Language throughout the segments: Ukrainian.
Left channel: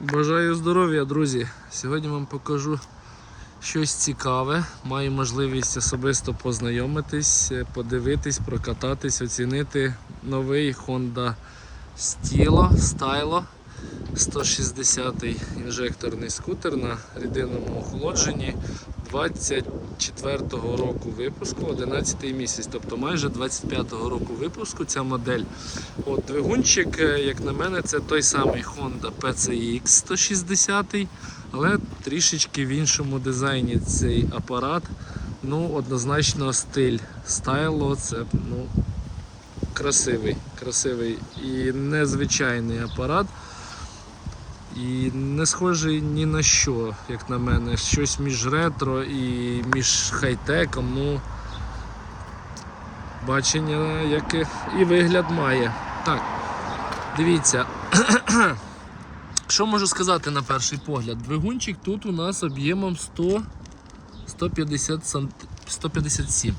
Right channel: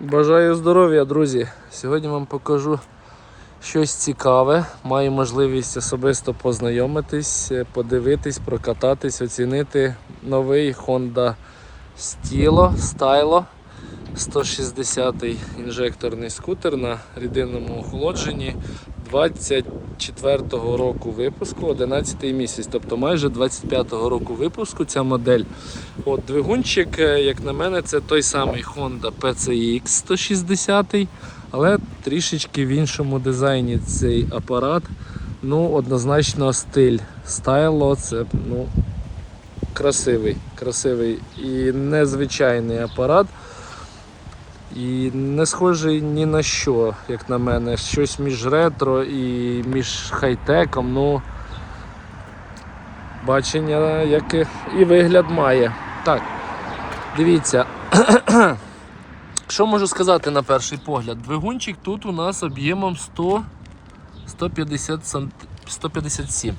Бажаю здоров'я, друзі! Сьогодні вам покажу щось цікаве. Маю можливість особисто познайомитись, подивитись, прокататись, оцінити новий Honda Stilo Stylo 160-й інжекторний скутер на рідинному охолодженні 24-го року випуску, 11-й місяць, тобто майже 25-го року випуску ця модель. От Двигунчик, е, як на мене, це той самий Honda PCX 160, але трішечки в іншому дизайні цей апарат. Ну, однозначно стиль стайло, це ну, красивий, красивий і незвичайний апарат. І не схожий ні на що, як на мене. Щось між ретро і між хай-теком. Ну, бачення, як і- вигляд має. Так, дивіться. Що можу сказати на перший погляд? Двигунчик тут у нас об'ємом 100, 150 сант... 157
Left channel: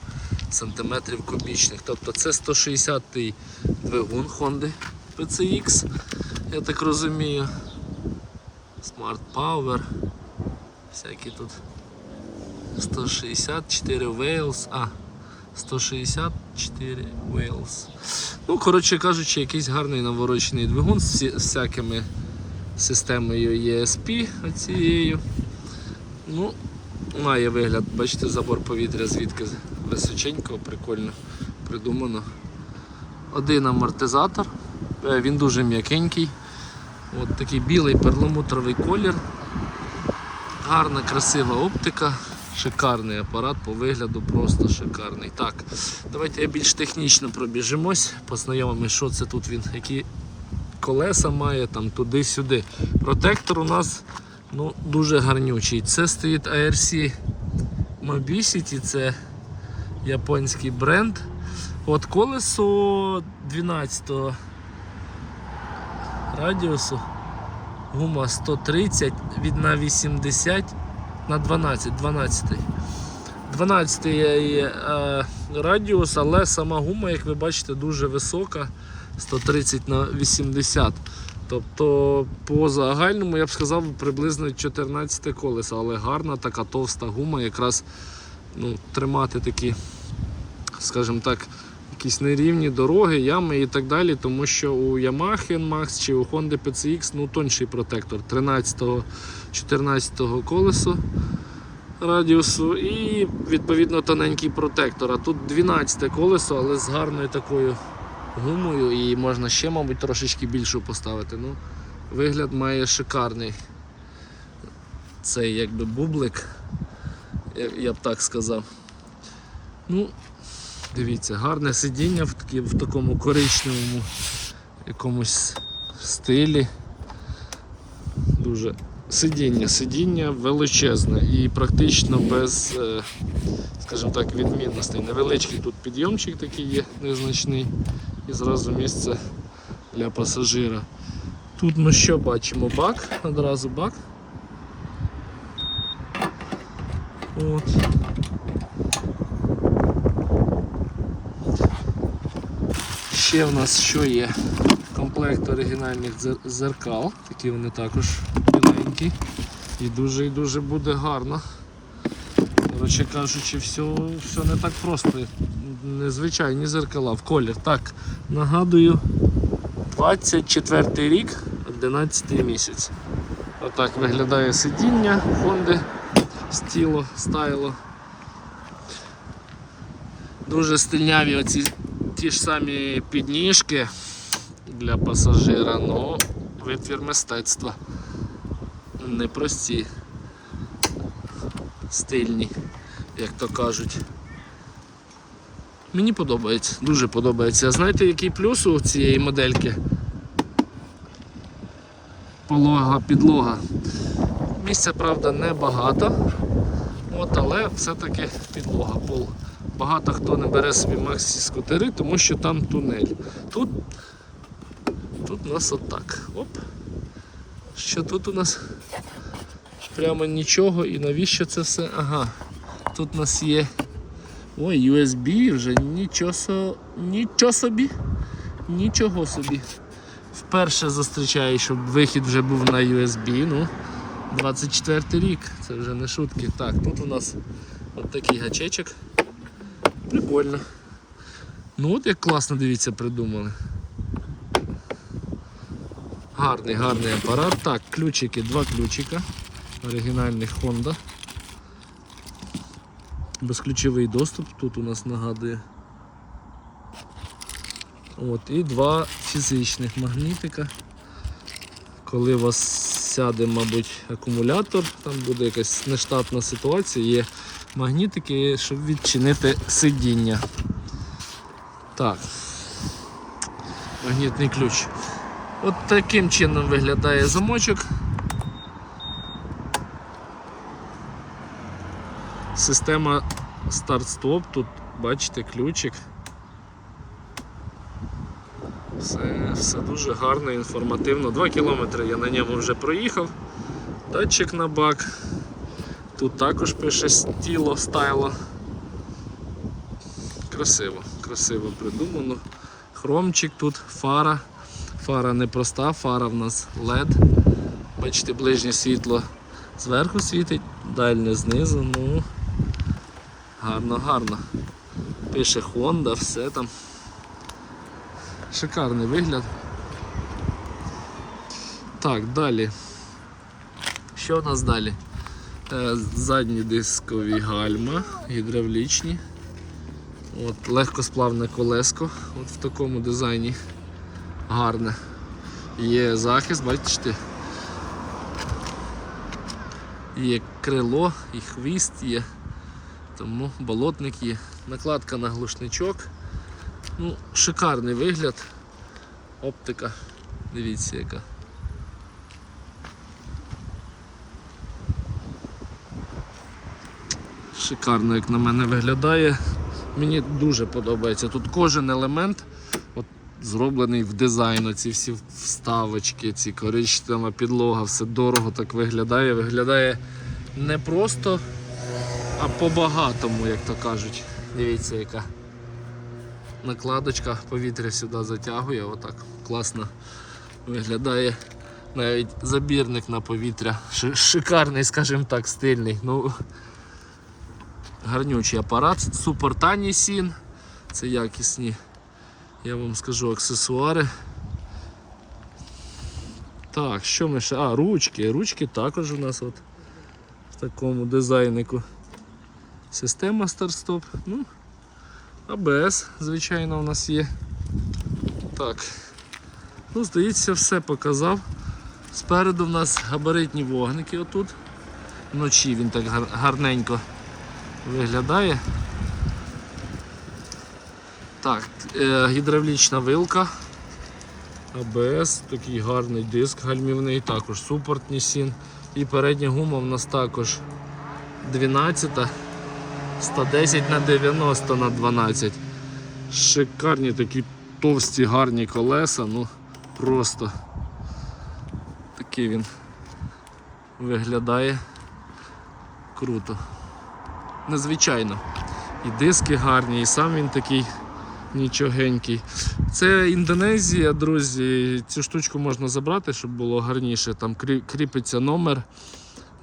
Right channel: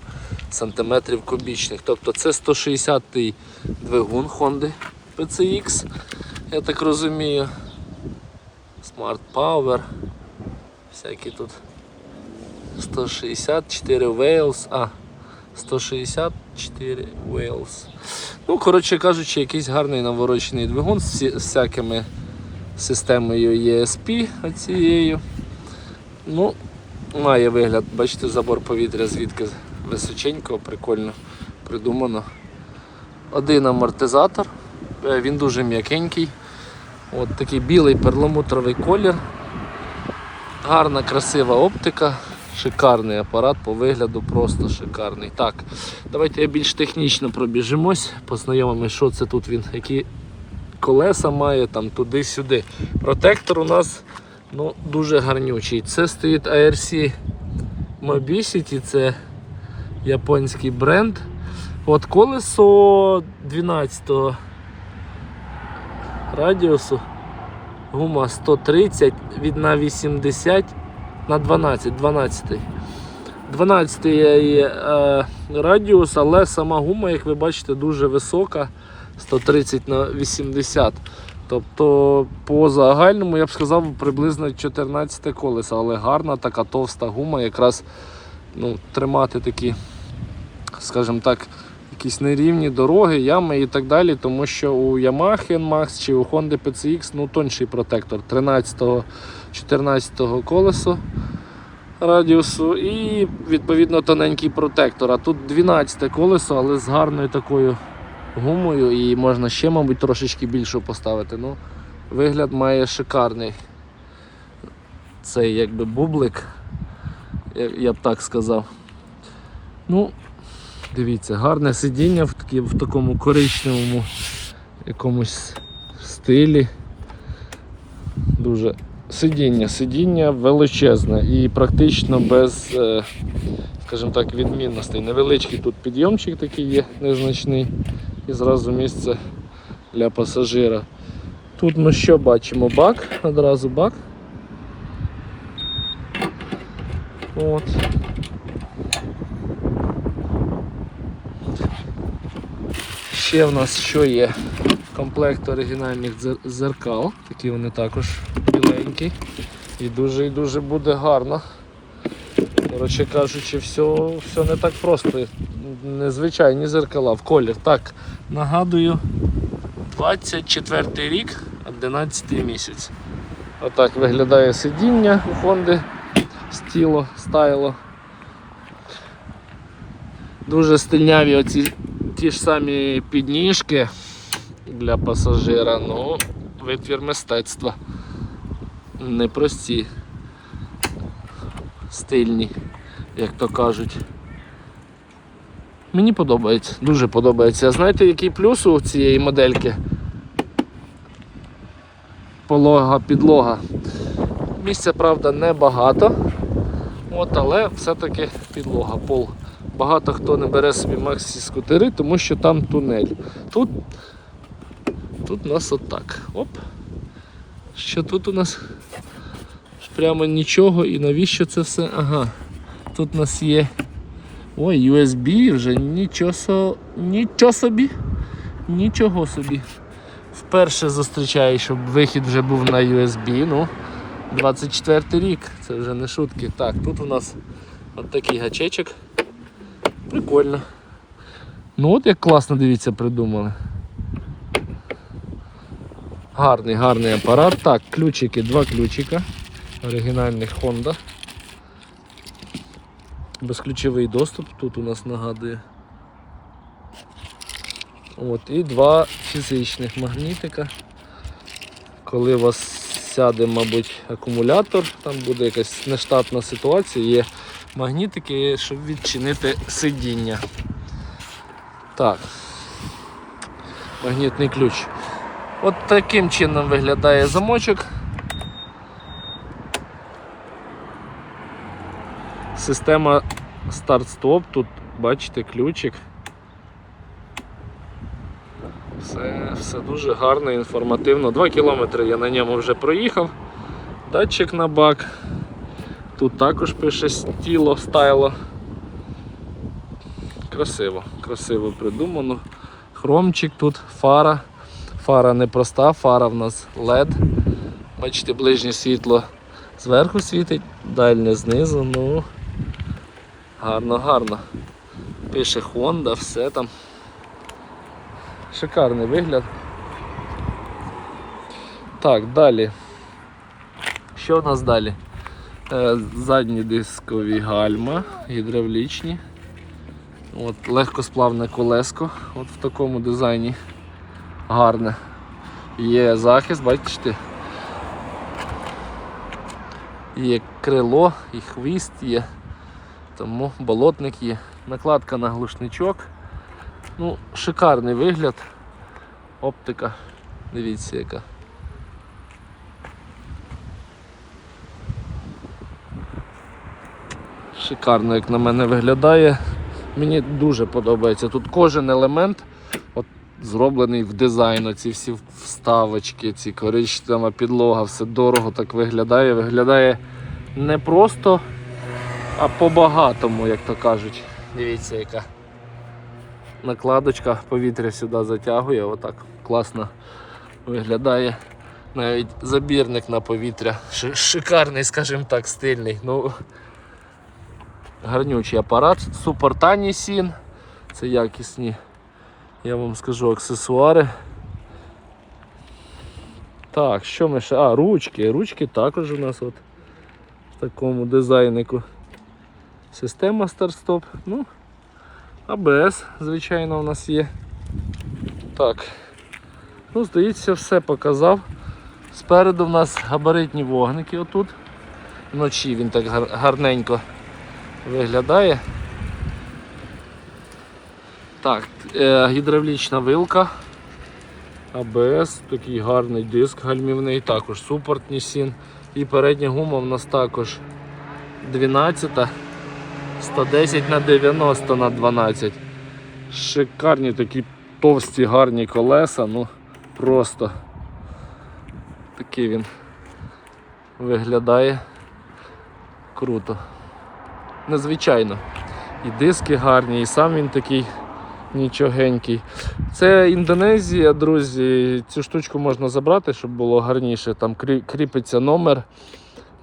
сантиметрів кубічних. Тобто це 160-й двигун Honda PCX, я так розумію. Power. Всякі тут 164 Wales. А, 164 Wales. Ну, коротше кажучи, якийсь гарний наворочений двигун з всякими системою ESP оцією. Ну, має вигляд, бачите, забор повітря звідки височенько, прикольно придумано. Один амортизатор, е, він дуже м'якенький. От такий білий перламутровий колір. Гарна, красива оптика. Шикарний апарат по вигляду, просто шикарний. Так, давайте я більш технічно пробіжимось, познайомимось, що це тут він, які колеса має там туди-сюди. Протектор у нас ну, дуже гарнючий. Це стоїть ARC Mobicity, це японський бренд. От колесо 12 радіусу. Гума 130 від на 80 на 12, 12. 12 є е, радіус, але сама гума, як ви бачите, дуже висока. 130 на 80. Тобто по загальному я б сказав приблизно 14 колеса, але гарна така товста гума, якраз ну, тримати такі, скажімо так, якісь нерівні дороги, ями і так далі, тому що у Yamaha NMAX чи у Honda PCX ну, тонший протектор 13-14 колесо радіусу і відповідно тоненький протектор. А тут 12 колесо, але з гарною такою гумою і можна ще, мабуть, трошечки більше поставити. Ну, Вигляд має шикарний. Цей якби бублик, я- б так сказав. Ну, Дивіться, гарне сидіння в, такі, в такому коричневому якомусь стилі. Дуже сидіння, сидіння величезне і практично без, е, скажімо так, відмінностей. Невеличкий тут підйомчик такий є незначний і зразу місце для пасажира. Тут ми що бачимо? Бак, одразу бак. От. Ще в нас що є? Комплект оригінальних зеркал. Такі вони також біленькі. І дуже і дуже буде гарно. Коротше кажучи, все, все не так просто. Незвичайні зеркала в колір. Так, нагадую, 24 рік, 11 місяць. Отак виглядає сидіння Honda Stilo, Stylo. Дуже стильняві оці ті ж самі підніжки для пасажира, ну, витвір мистецтва. Непрості, стильні, як то кажуть. Мені подобається, дуже подобається. А знаєте, який плюс у цієї модельки? Полога підлога. Місця, правда, небагато, от, але все-таки підлога, пол. Багато хто не бере собі максі скутери, тому що там тунель. Тут, тут у нас отак. Оп. Що тут у нас? Прямо нічого. І навіщо це все? Ага. Тут у нас є. Ой, USB вже нічого, нічого собі. Нічого собі. Вперше зустрічаю, щоб вихід вже був на USB. Ну, 24 рік, це вже не шутки. Так, тут у нас от такий гачечок. Прикольно. Ну от як класно, дивіться, придумали. Гарний, гарний апарат. Так, ключики, два ключика. Оригінальних Honda. Безключовий доступ тут у нас нагадує. От, і два фізичних магнітика. Коли у вас сяде, мабуть, акумулятор, там буде якась нештатна ситуація, є магнітики, щоб відчинити сидіння. Так. Магнітний ключ. От таким чином виглядає замочок. Система старт-стоп, тут бачите ключик. Все, все дуже гарно, інформативно. 2 кілометри я на ньому вже проїхав. Датчик на бак. Тут також пише стіло, стайло. Красиво, красиво придумано. Хромчик тут, фара. Фара не проста, фара в нас LED. Бачите, ближнє світло зверху світить, дальнє знизу, ну гарно, гарно. Пише Honda, все там. Шикарний вигляд. Так, далі. Що у нас далі? Е, задні дискові гальма, гідравлічні. От, легкосплавне колеско от в такому дизайні гарне. Є захист, бачите? Є крило і хвіст є, тому болотник є. Накладка на глушничок. Ну, шикарний вигляд. Оптика. Дивіться яка. Шикарно, як на мене виглядає. Мені дуже подобається. Тут кожен елемент от, зроблений в дизайн. Ці всі вставочки, ці коричнева підлога, все дорого так виглядає. Виглядає не просто, а по-багатому, як то кажуть. Дивіться, яка накладочка, повітря сюди затягує, отак класно виглядає. Навіть забірник на повітря. Шикарний, скажімо так, стильний. Ну, гарнючий апарат, супортані сін. Це якісні, я вам скажу, аксесуари. Так, що ми ще? А, ручки. Ручки також у нас от в такому дизайнику. Система старт-стоп. Ну, АБС, звичайно, у нас є. Так. Ну, здається, все показав. Спереду в нас габаритні вогники отут. Вночі він так гар- гарненько виглядає. Так, е, гідравлічна вилка. АБС, такий гарний диск гальмівний, також супортні сін. І передня гума в нас також 12, 110 на 90 на 12. Шикарні такі товсті гарні колеса, ну просто такий він виглядає круто. Незвичайно. І диски гарні, і сам він такий нічогенький. Це Індонезія, друзі. Цю штучку можна забрати, щоб було гарніше. Там кріпиться номер,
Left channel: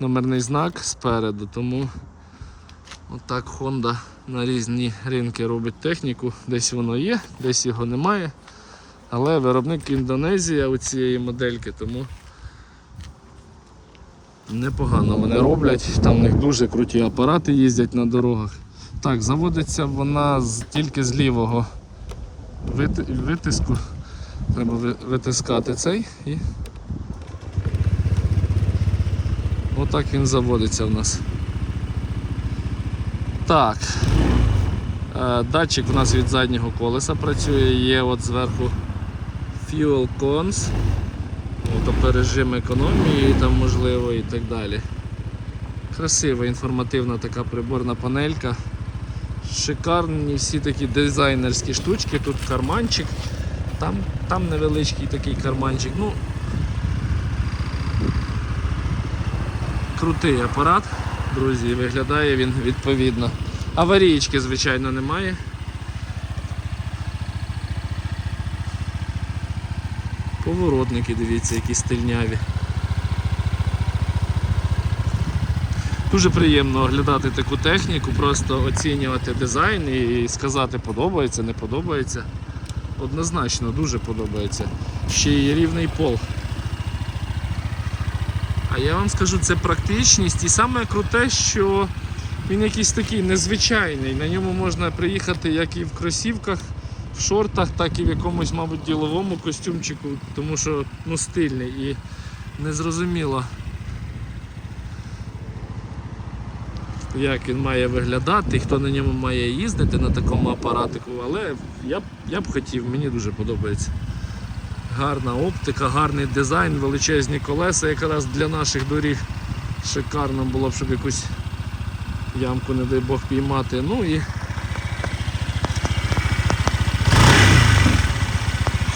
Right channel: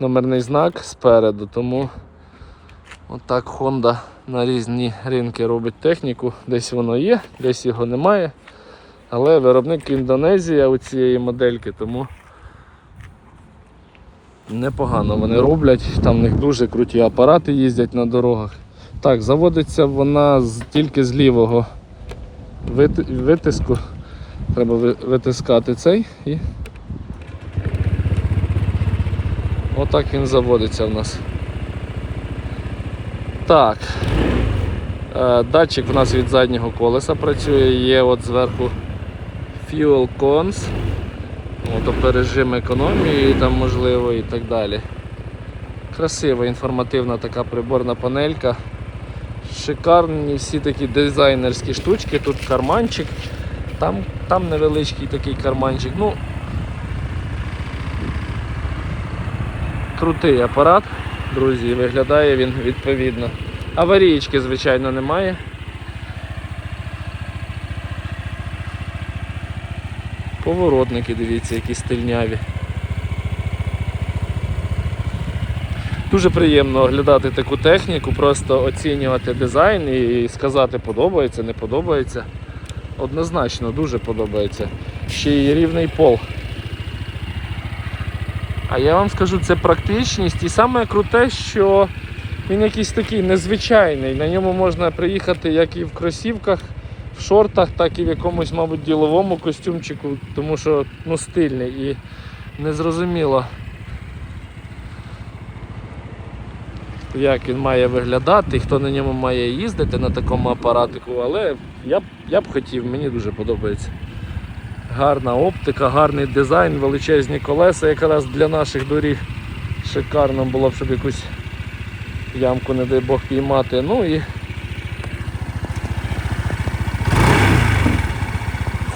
номерний знак спереду. Тому отак Honda на різні ринки робить техніку. Десь воно є, десь його немає. Але виробник Індонезія у цієї модельки, тому непогано вони роблять. Там в них дуже круті апарати їздять на дорогах. Так, заводиться вона тільки з лівого витиску. Треба витискати цей і. Отак він заводиться в нас. Так. Е, Датчик у нас від заднього колеса працює, є от зверху Fuel Cons, тобто режим економії там можливо і так далі. Красива інформативна така приборна панелька. Шикарні всі такі дизайнерські штучки, тут карманчик, там, там невеличкий такий карманчик. Ну, крутий апарат, друзі, виглядає він відповідно. Аварійки, звичайно, немає. Поворотники, дивіться, які стильняві. Дуже приємно оглядати таку техніку, просто оцінювати дизайн і сказати, подобається, не подобається. Однозначно, дуже подобається. Ще й рівний пол. А я вам скажу, це практичність і саме круте, що він якийсь такий незвичайний. На ньому можна приїхати як і в кросівках, в шортах, так і в якомусь, мабуть, діловому костюмчику, тому що ну, стильний і незрозуміло, як він має виглядати, хто на ньому має їздити на такому апаратику, але я б, я б хотів, мені дуже подобається. Гарна оптика, гарний дизайн, величезні колеса якраз для наших доріг. Шикарно було б, щоб якусь ямку, не дай Бог, піймати. Ну і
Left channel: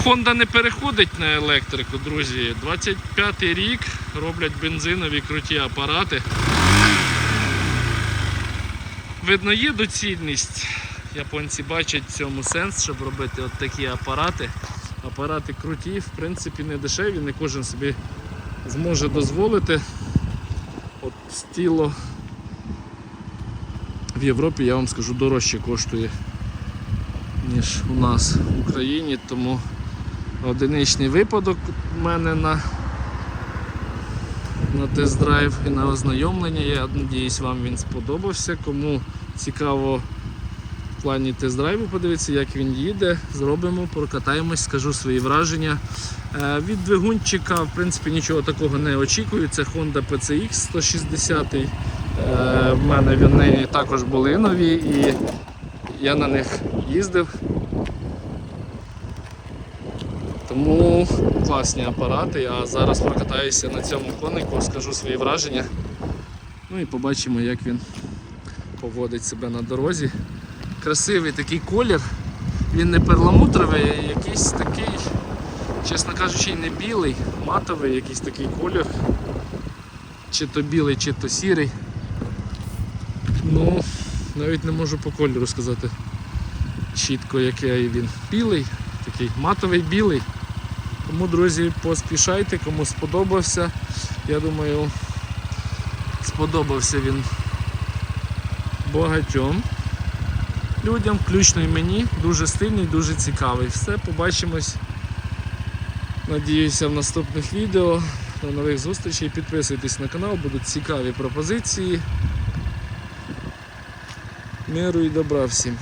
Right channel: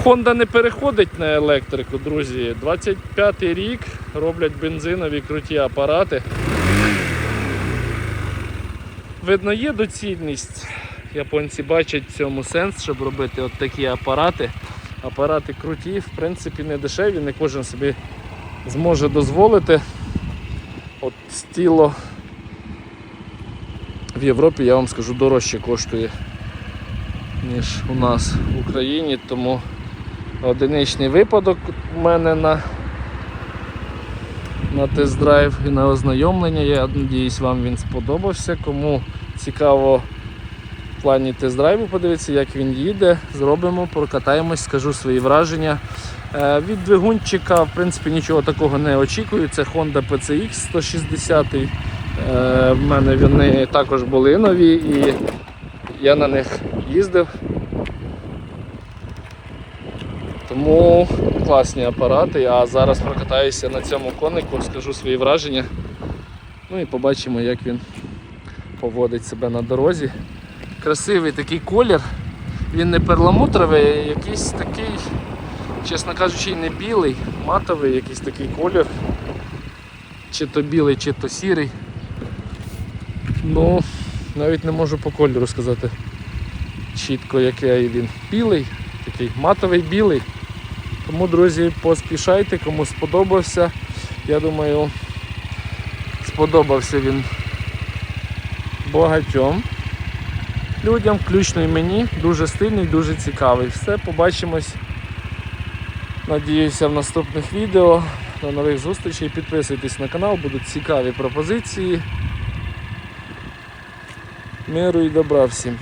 Honda не переходить на електрику, друзі. 25 й рік роблять бензинові круті апарати. Видно, є доцільність. Японці бачать в цьому сенс, щоб робити от такі апарати. Апарати круті, в принципі, не дешеві, не кожен собі зможе дозволити. От стіло в Європі, я вам скажу, дорожче коштує, ніж у нас в Україні, тому одиничний випадок у мене на, на тест-драйв і на ознайомлення. Я сподіваюся, вам він сподобався. Кому цікаво в плані тест-драйву подивитися, як він їде, зробимо, прокатаємось, скажу свої враження. Е, Від двигунчика, в принципі, нічого такого не очікую. Це Honda PCX 160. Е, В мене вони також були нові і я на них їздив. Тому класні апарати. А зараз прокатаюся на цьому конику, скажу свої враження. Ну і побачимо, як він поводить себе на дорозі. Красивий такий колір. Він не перламутровий, якийсь такий, чесно кажучи, не білий, матовий якийсь такий колір. Чи то білий, чи то сірий. Ну, навіть не можу по кольору сказати чітко, який він. Білий, такий матовий білий. Тому, друзі, поспішайте, кому сподобався. Я думаю, сподобався він багатьом людям, включно і мені. Дуже стильний, дуже цікавий. Все, побачимось. Надіюся в наступних відео. До нових зустрічей. Підписуйтесь на канал, будуть цікаві пропозиції. Миру і добра всім.